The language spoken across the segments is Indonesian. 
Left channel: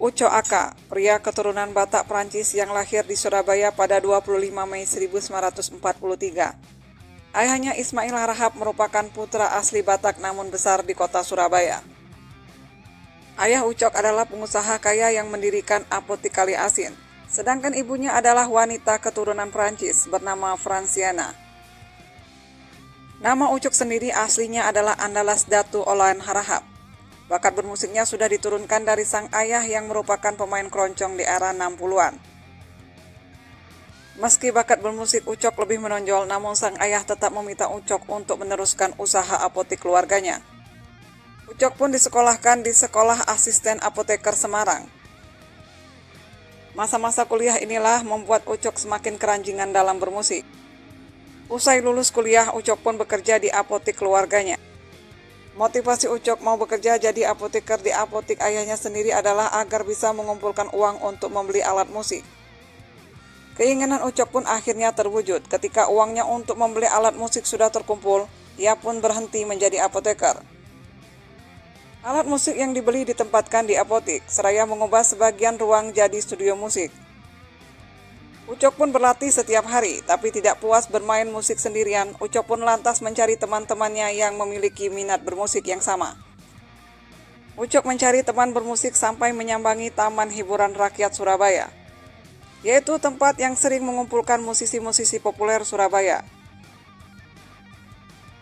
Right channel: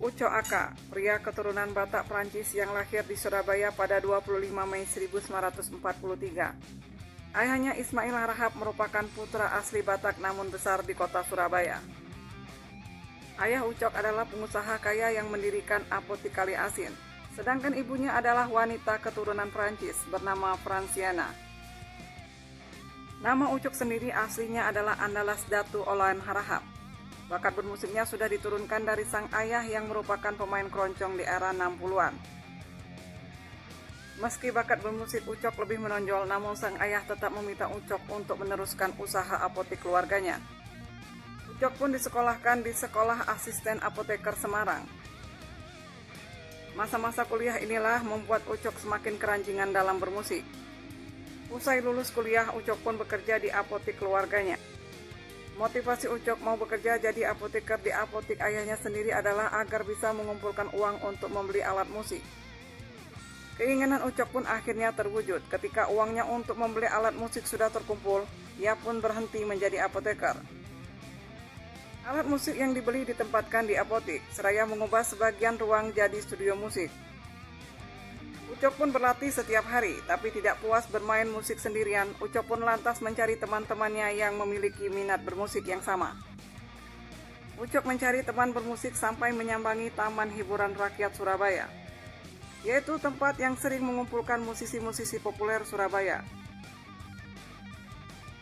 Ucok Aka, pria keturunan Batak Prancis yang lahir di Surabaya pada 25 Mei 1943. Ayahnya Ismail Harahap merupakan putra asli Batak namun besar di kota Surabaya. Ayah Ucok adalah pengusaha kaya yang mendirikan apotik Kali Asin, sedangkan ibunya adalah wanita keturunan Prancis bernama Franciana. Nama Ucok sendiri aslinya adalah Andalas Datu Olayan Harahap. Bakat bermusiknya sudah diturunkan dari sang ayah yang merupakan pemain keroncong di era 60-an. Meski bakat bermusik Ucok lebih menonjol, namun sang ayah tetap meminta Ucok untuk meneruskan usaha apotik keluarganya. Ucok pun disekolahkan di Sekolah Asisten Apoteker Semarang. Masa-masa kuliah inilah membuat Ucok semakin keranjingan dalam bermusik. Usai lulus kuliah, Ucok pun bekerja di apotik keluarganya. Motivasi Ucok mau bekerja jadi apoteker di apotik ayahnya sendiri adalah agar bisa mengumpulkan uang untuk membeli alat musik. Keinginan Ucok pun akhirnya terwujud. Ketika uangnya untuk membeli alat musik sudah terkumpul, ia pun berhenti menjadi apoteker. Alat musik yang dibeli ditempatkan di apotik, seraya mengubah sebagian ruang jadi studio musik. Ucok pun berlatih setiap hari, tapi tidak puas bermain musik sendirian, Ucok pun lantas mencari teman-temannya yang memiliki minat bermusik yang sama. Ucok mencari teman bermusik sampai menyambangi Taman Hiburan Rakyat Surabaya, yaitu tempat yang sering mengumpulkan musisi-musisi populer Surabaya.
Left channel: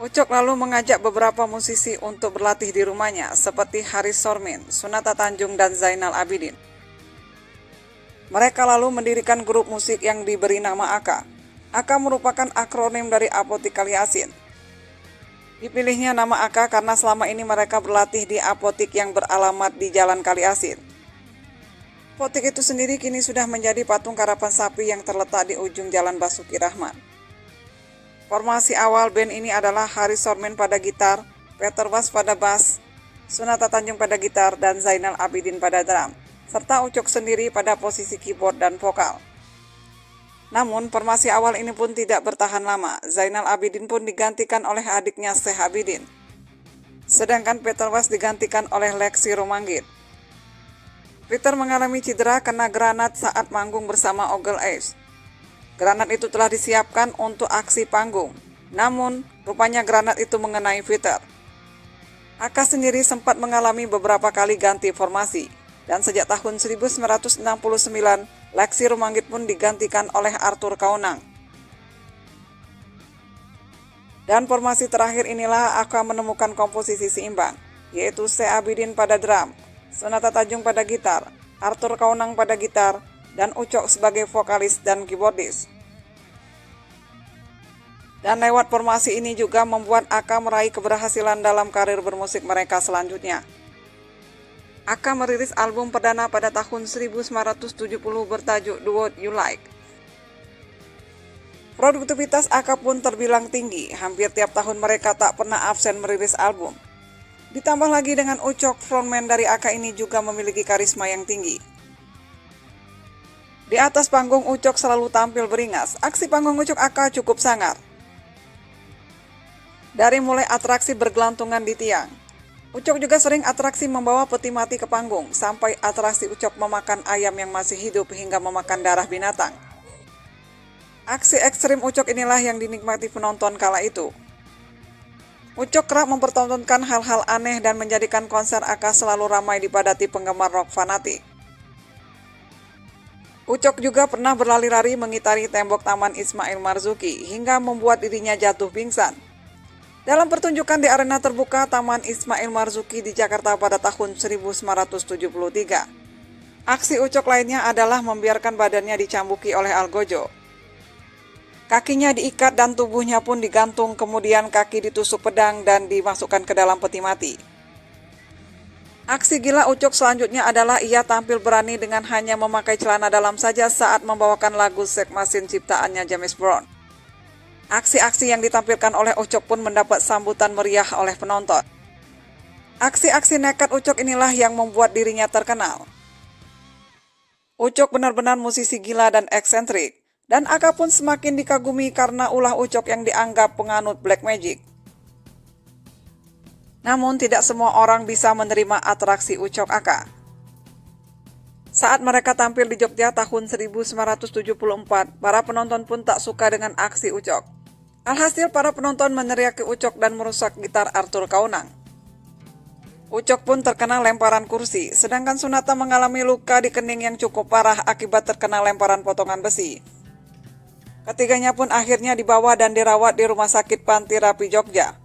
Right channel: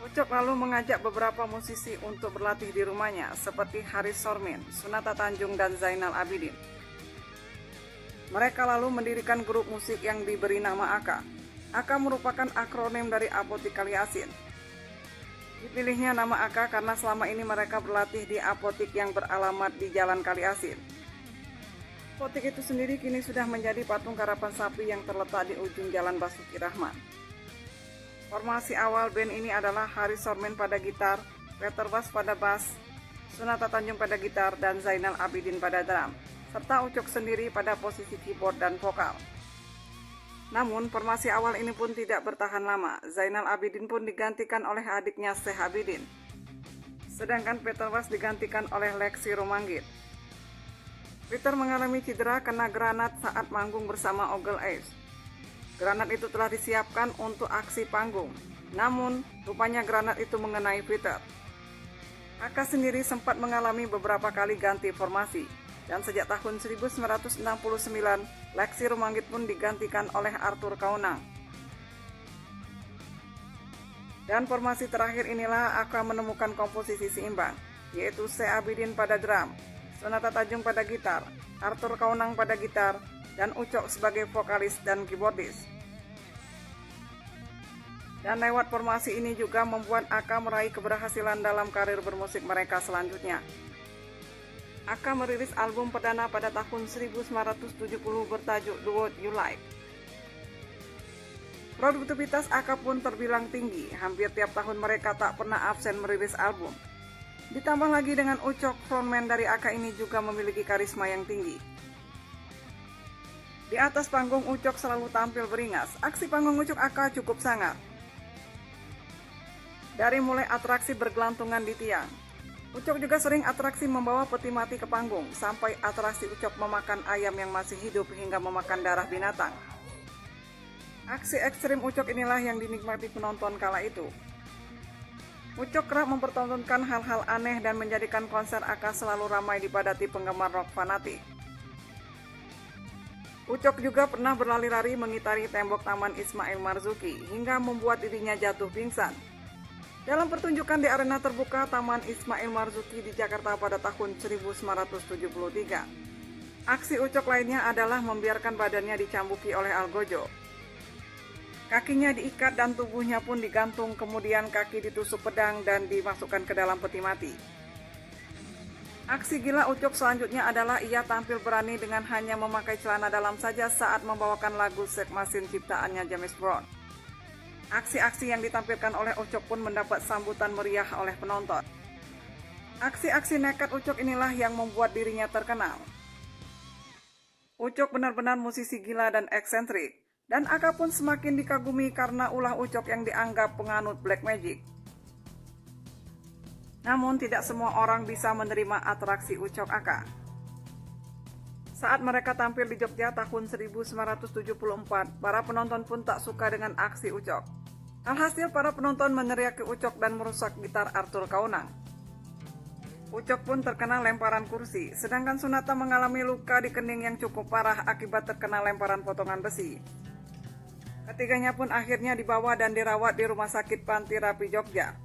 Ucok lalu mengajak beberapa musisi untuk berlatih di rumahnya, seperti Haris Sormin, Sunata Tanjung, dan Zainal Abidin. Mereka lalu mendirikan grup musik yang diberi nama Aka. Aka merupakan akronim dari Apotik Kali Asin. Dipilihnya nama Aka karena selama ini mereka berlatih di apotik yang beralamat di Jalan Kali Asin. Apotik itu sendiri kini sudah menjadi patung karapan sapi yang terletak di ujung Jalan Basuki Rahmat. Formasi awal band ini adalah Haris Sormin pada gitar, Peter Was pada bass, Sunata Tanjung pada gitar, dan Zainal Abidin pada drum, serta Ucok sendiri pada posisi keyboard dan vokal. Namun, formasi awal ini pun tidak bertahan lama. Zainal Abidin pun digantikan oleh adiknya Syekh Abidin. Sedangkan Peter Was digantikan oleh Lexi Romanggit. Peter mengalami cedera kena granat saat manggung bersama Ogel Ace. Granat itu telah disiapkan untuk aksi panggung. Namun, rupanya granat itu mengenai Peter. Aka sendiri sempat mengalami beberapa kali ganti formasi. Dan sejak tahun 1969, Lexi Romanggit pun digantikan oleh Arthur Kaunang. Dan formasi terakhir inilah akan menemukan komposisi seimbang, yaitu Syekh Abidin pada drum, Sunata Tanjung pada gitar, Arthur Kaunang pada gitar, dan Ucok sebagai vokalis dan keyboardis. Dan lewat formasi ini juga membuat Aka meraih keberhasilan dalam karir bermusik mereka selanjutnya. Aka merilis album perdana pada tahun 1970 bertajuk The Word You Like. Produktivitas Aka pun terbilang tinggi, hampir tiap tahun mereka tak pernah absen merilis album. Ditambah lagi dengan Ucok, frontman dari Aka ini juga memiliki karisma yang tinggi. Di atas panggung Ucok selalu tampil beringas, aksi panggung Ucok Aka cukup sangar. Dari mulai atraksi bergelantungan di tiang, Ucok juga sering atraksi membawa peti mati ke panggung, sampai atraksi Ucok memakan ayam yang masih hidup hingga memakan darah binatang. Aksi ekstrim Ucok inilah yang dinikmati penonton kala itu. Ucok kerap mempertontonkan hal-hal aneh dan menjadikan konser Aka selalu ramai dipadati penggemar rock fanatik. Ucok juga pernah berlari-lari mengitari tembok Taman Ismail Marzuki hingga membuat dirinya jatuh pingsan. Dalam pertunjukan di arena terbuka Taman Ismail Marzuki di Jakarta pada tahun 1973. Aksi Ucok lainnya adalah membiarkan badannya dicambuki oleh algojo. Kakinya diikat dan tubuhnya pun digantung, kemudian kaki ditusuk pedang dan dimasukkan ke dalam peti mati. Aksi gila Ucok selanjutnya adalah ia tampil berani dengan hanya memakai celana dalam saja saat membawakan lagu Sex Machine ciptaannya James Brown. Aksi-aksi yang ditampilkan oleh Ucok pun mendapat sambutan meriah oleh penonton. Aksi-aksi nekat Ucok inilah yang membuat dirinya terkenal. Ucok benar-benar musisi gila dan eksentrik, dan Aka pun semakin dikagumi karena ulah Ucok yang dianggap penganut black magic. Namun tidak semua orang bisa menerima atraksi Ucok Aka. Saat mereka tampil di Jogja tahun 1974, para penonton pun tak suka dengan aksi Ucok. Alhasil para penonton meneriaki Ucok dan merusak gitar Arthur Kaunang. Ucok pun terkena lemparan kursi, sedangkan Sunata mengalami luka di kening yang cukup parah akibat terkena lemparan potongan besi. Ketiganya pun akhirnya dibawa dan dirawat di Rumah Sakit Panti Rapi Jogja.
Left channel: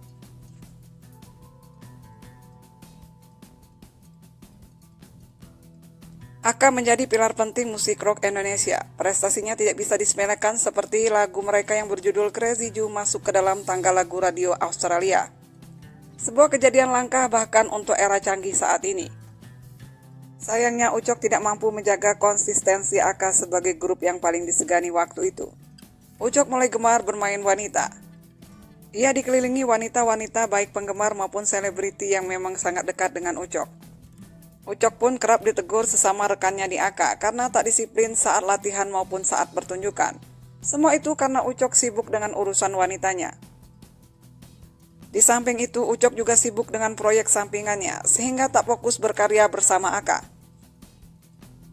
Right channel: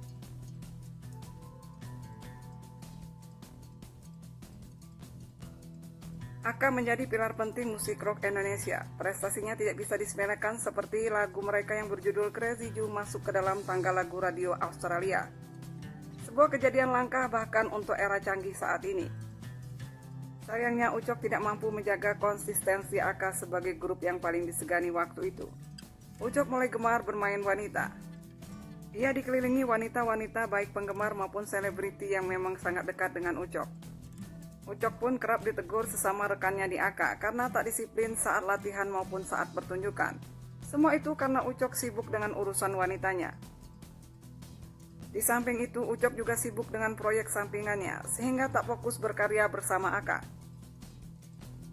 Aka menjadi pilar penting musik rock Indonesia. Prestasinya tidak bisa disepelekan seperti lagu mereka yang berjudul Crazy Ju masuk ke dalam tangga lagu radio Australia. Sebuah kejadian langka bahkan untuk era canggih saat ini. Sayangnya Ucok tidak mampu menjaga konsistensi Aka sebagai grup yang paling disegani waktu itu. Ucok mulai gemar bermain wanita. Ia dikelilingi wanita-wanita baik penggemar maupun selebriti yang memang sangat dekat dengan Ucok. Ucok pun kerap ditegur sesama rekannya di Aka karena tak disiplin saat latihan maupun saat pertunjukan. Semua itu karena Ucok sibuk dengan urusan wanitanya. Di samping itu, Ucok juga sibuk dengan proyek sampingannya sehingga tak fokus berkarya bersama Aka.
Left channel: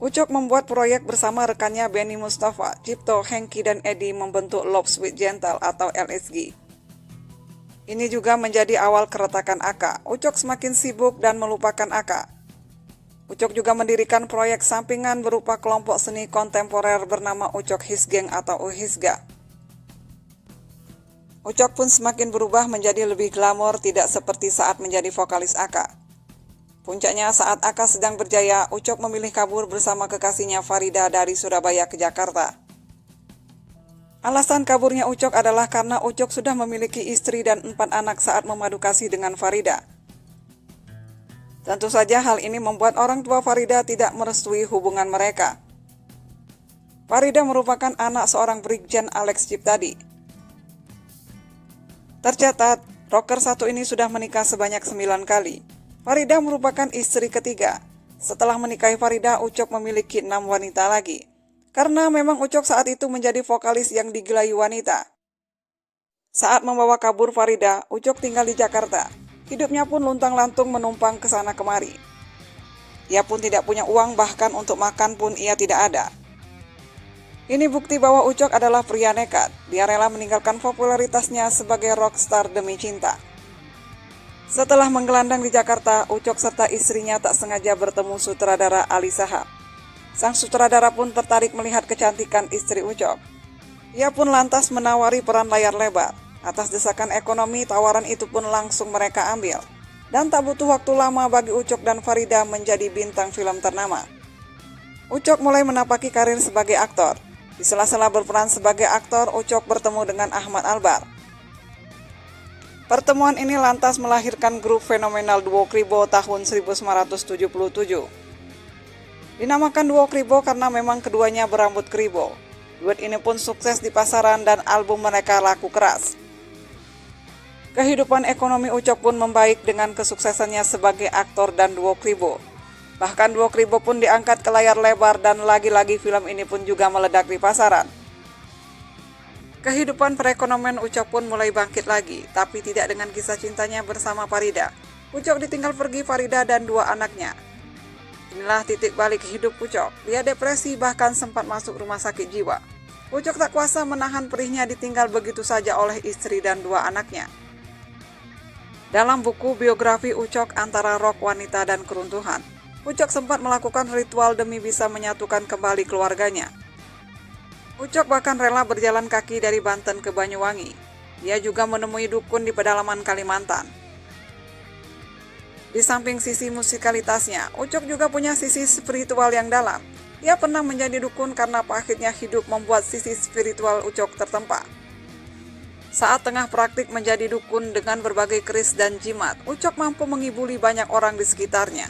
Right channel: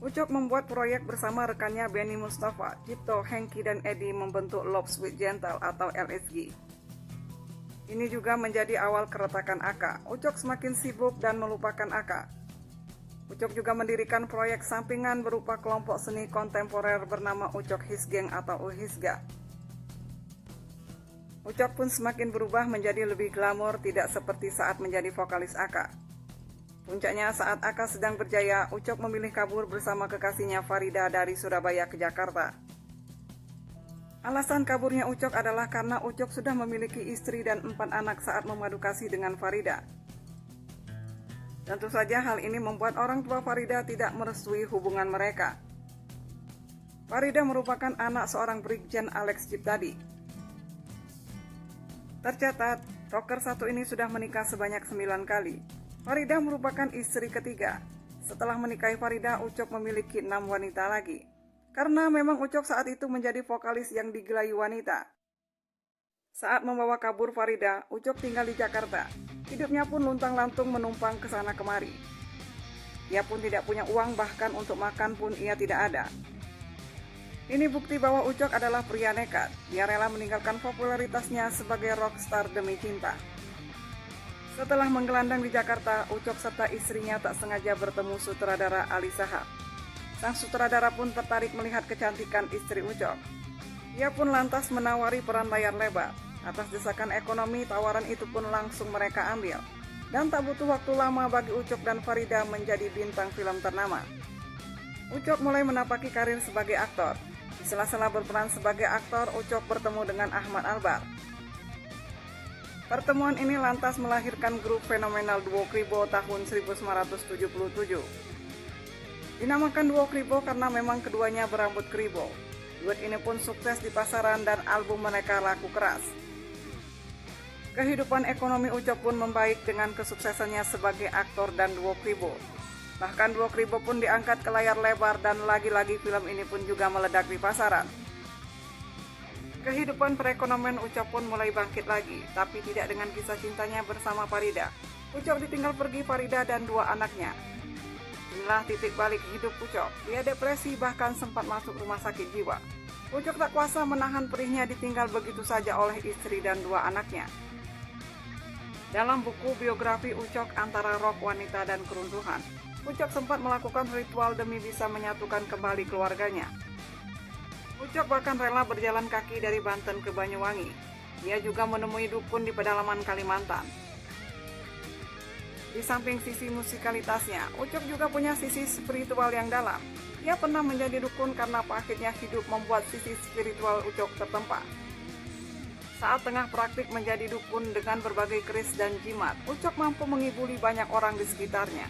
Ucok membuat proyek bersama rekannya Benny Mustafa, Cipto, Hengki, dan Edi membentuk Love Sweet Gentle atau LSG. Ini juga menjadi awal keretakan Aka. Ucok semakin sibuk dan melupakan Aka. Ucok juga mendirikan proyek sampingan berupa kelompok seni kontemporer bernama Ucok Hisgeng atau Uhisga. Ucok pun semakin berubah menjadi lebih glamor, tidak seperti saat menjadi vokalis Aka. Puncaknya saat Aka sedang berjaya, Ucok memilih kabur bersama kekasihnya Farida dari Surabaya ke Jakarta. Alasan kaburnya Ucok adalah karena Ucok sudah memiliki istri dan 4 anak saat memadu kasih dengan Farida. Tentu saja hal ini membuat orang tua Farida tidak merestui hubungan mereka. Farida merupakan anak seorang Brigjen Alex Ciptadi. Tercatat, rocker satu ini sudah menikah sebanyak 9 kali. Farida merupakan istri ketiga. Setelah menikahi Farida, Ucok memiliki 6 wanita lagi. Karena memang Ucok saat itu menjadi vokalis yang digilai wanita. Saat membawa kabur Farida, Ucok tinggal di Jakarta. Hidupnya pun luntang-lantung menumpang ke sana kemari. Ia pun tidak punya uang, bahkan untuk makan pun ia tidak ada. Ini bukti bahwa Ucok adalah pria nekat. Dia rela meninggalkan popularitasnya sebagai rockstar demi cinta. Setelah menggelandang di Jakarta, Ucok serta istrinya tak sengaja bertemu sutradara Ali Shahab. Sang sutradara pun tertarik melihat kecantikan istri Ucok. Ia pun lantas menawari peran layar lebar. Atas desakan ekonomi, tawaran itu pun langsung mereka ambil. Dan tak butuh waktu lama bagi Ucok dan Farida menjadi bintang film ternama. Ucok mulai menapaki karir sebagai aktor. Di sela-sela berperan sebagai aktor, Ucok bertemu dengan Ahmad Albar. Pertemuan ini lantas melahirkan grup fenomenal Duo Kribo tahun 1977. Dinamakan Duo Kribo karena memang keduanya berambut kribo. Duet ini pun sukses di pasaran dan album mereka laku keras. Kehidupan ekonomi Ucok pun membaik dengan kesuksesannya sebagai aktor dan Duo Kribo. Bahkan Duo Kribo pun diangkat ke layar lebar dan lagi-lagi film ini pun juga meledak di pasaran. Kehidupan perekonomian Ucok pun mulai bangkit lagi, tapi tidak dengan kisah cintanya bersama Farida. Ucok ditinggal pergi Farida dan 2 anaknya. Inilah titik balik hidup Ucok. Dia depresi, bahkan sempat masuk rumah sakit jiwa. Ucok tak kuasa menahan perihnya ditinggal begitu saja oleh istri dan 2 anaknya. Dalam buku biografi Ucok Antara Rock, Wanita, dan Keruntuhan, Ucok sempat melakukan ritual demi bisa menyatukan kembali keluarganya. Ucok bahkan rela berjalan kaki dari Banten ke Banyuwangi. Dia juga menemui dukun di pedalaman Kalimantan. Di samping sisi musikalitasnya, Ucok juga punya sisi spiritual yang dalam. Ia pernah menjadi dukun karena pahitnya hidup membuat sisi spiritual Ucok tertempa. Saat tengah praktik menjadi dukun dengan berbagai keris dan jimat, Ucok mampu menghiburi banyak orang di sekitarnya.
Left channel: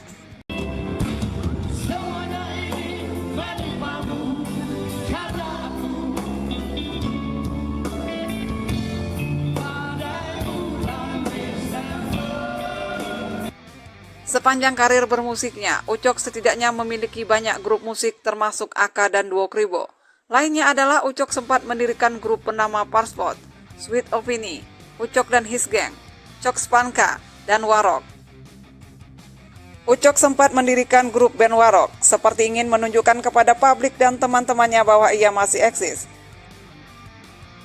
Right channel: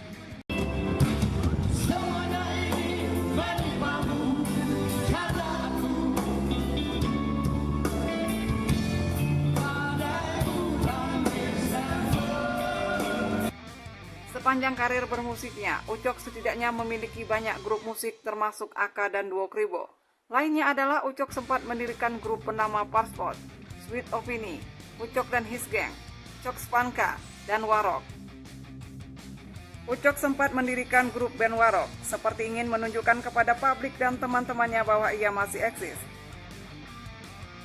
Sepanjang karir bermusiknya, Ucok setidaknya memiliki banyak grup musik termasuk Aka dan Duo Kribo. Lainnya adalah Ucok sempat mendirikan grup bernama Parspot, Sweet Opini, Ucok dan His Gang, Cok Spanka, dan Warok. Ucok sempat mendirikan grup band Warok, seperti ingin menunjukkan kepada publik dan teman-temannya bahwa ia masih eksis.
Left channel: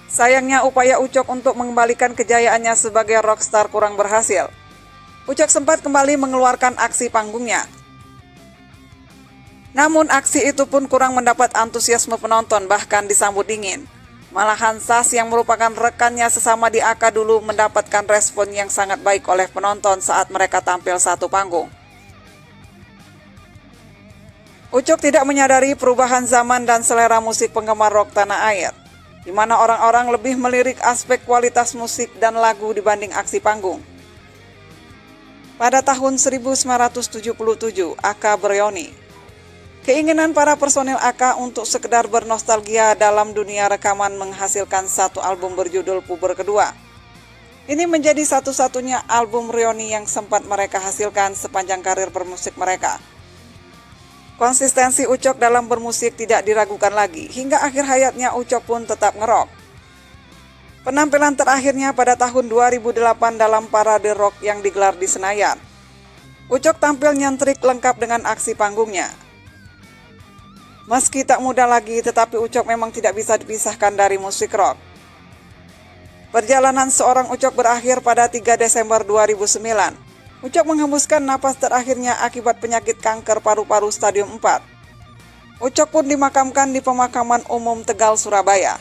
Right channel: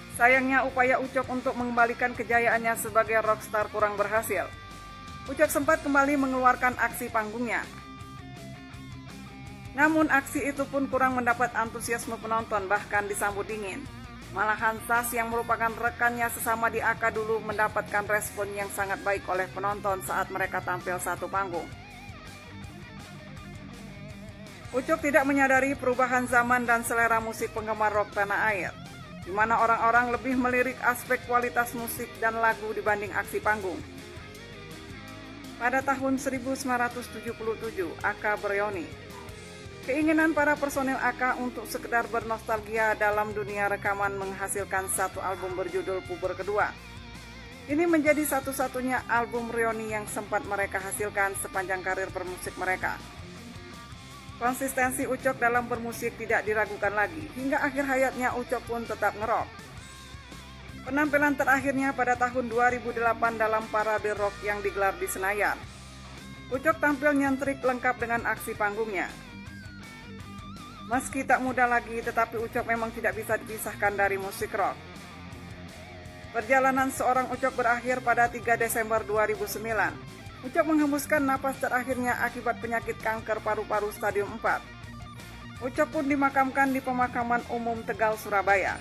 Sayangnya upaya Ucok untuk mengembalikan kejayaannya sebagai rockstar kurang berhasil. Ucok sempat kembali mengeluarkan aksi panggungnya. Namun aksi itu pun kurang mendapat antusiasme penonton, bahkan disambut dingin. Malahan Sas yang merupakan rekannya sesama di AK dulu mendapatkan respon yang sangat baik oleh penonton saat mereka tampil satu panggung. Ucok tidak menyadari perubahan zaman dan selera musik penggemar rock tanah air, di mana orang-orang lebih melirik aspek kualitas musik dan lagu dibanding aksi panggung. Pada tahun 1977, AK bereuni. Keinginan para personil AK untuk sekedar bernostalgia dalam dunia rekaman menghasilkan satu album berjudul Puber Kedua. Ini menjadi satu-satunya album reuni yang sempat mereka hasilkan sepanjang karir bermusik mereka. Konsistensi Ucok dalam bermusik tidak diragukan lagi, hingga akhir hayatnya Ucok pun tetap ngerok. Penampilan terakhirnya pada tahun 2008 dalam parade rock yang digelar di Senayan. Ucok tampil nyentrik lengkap dengan aksi panggungnya. Meski tak muda lagi, tetapi Ucok memang tidak bisa dipisahkan dari musik rock. Perjalanan seorang Ucok berakhir pada 3 Desember 2009. Ucok menghembuskan napas terakhirnya akibat penyakit kanker paru-paru stadium 4. Ucok pun dimakamkan di pemakaman umum Tegal, Surabaya.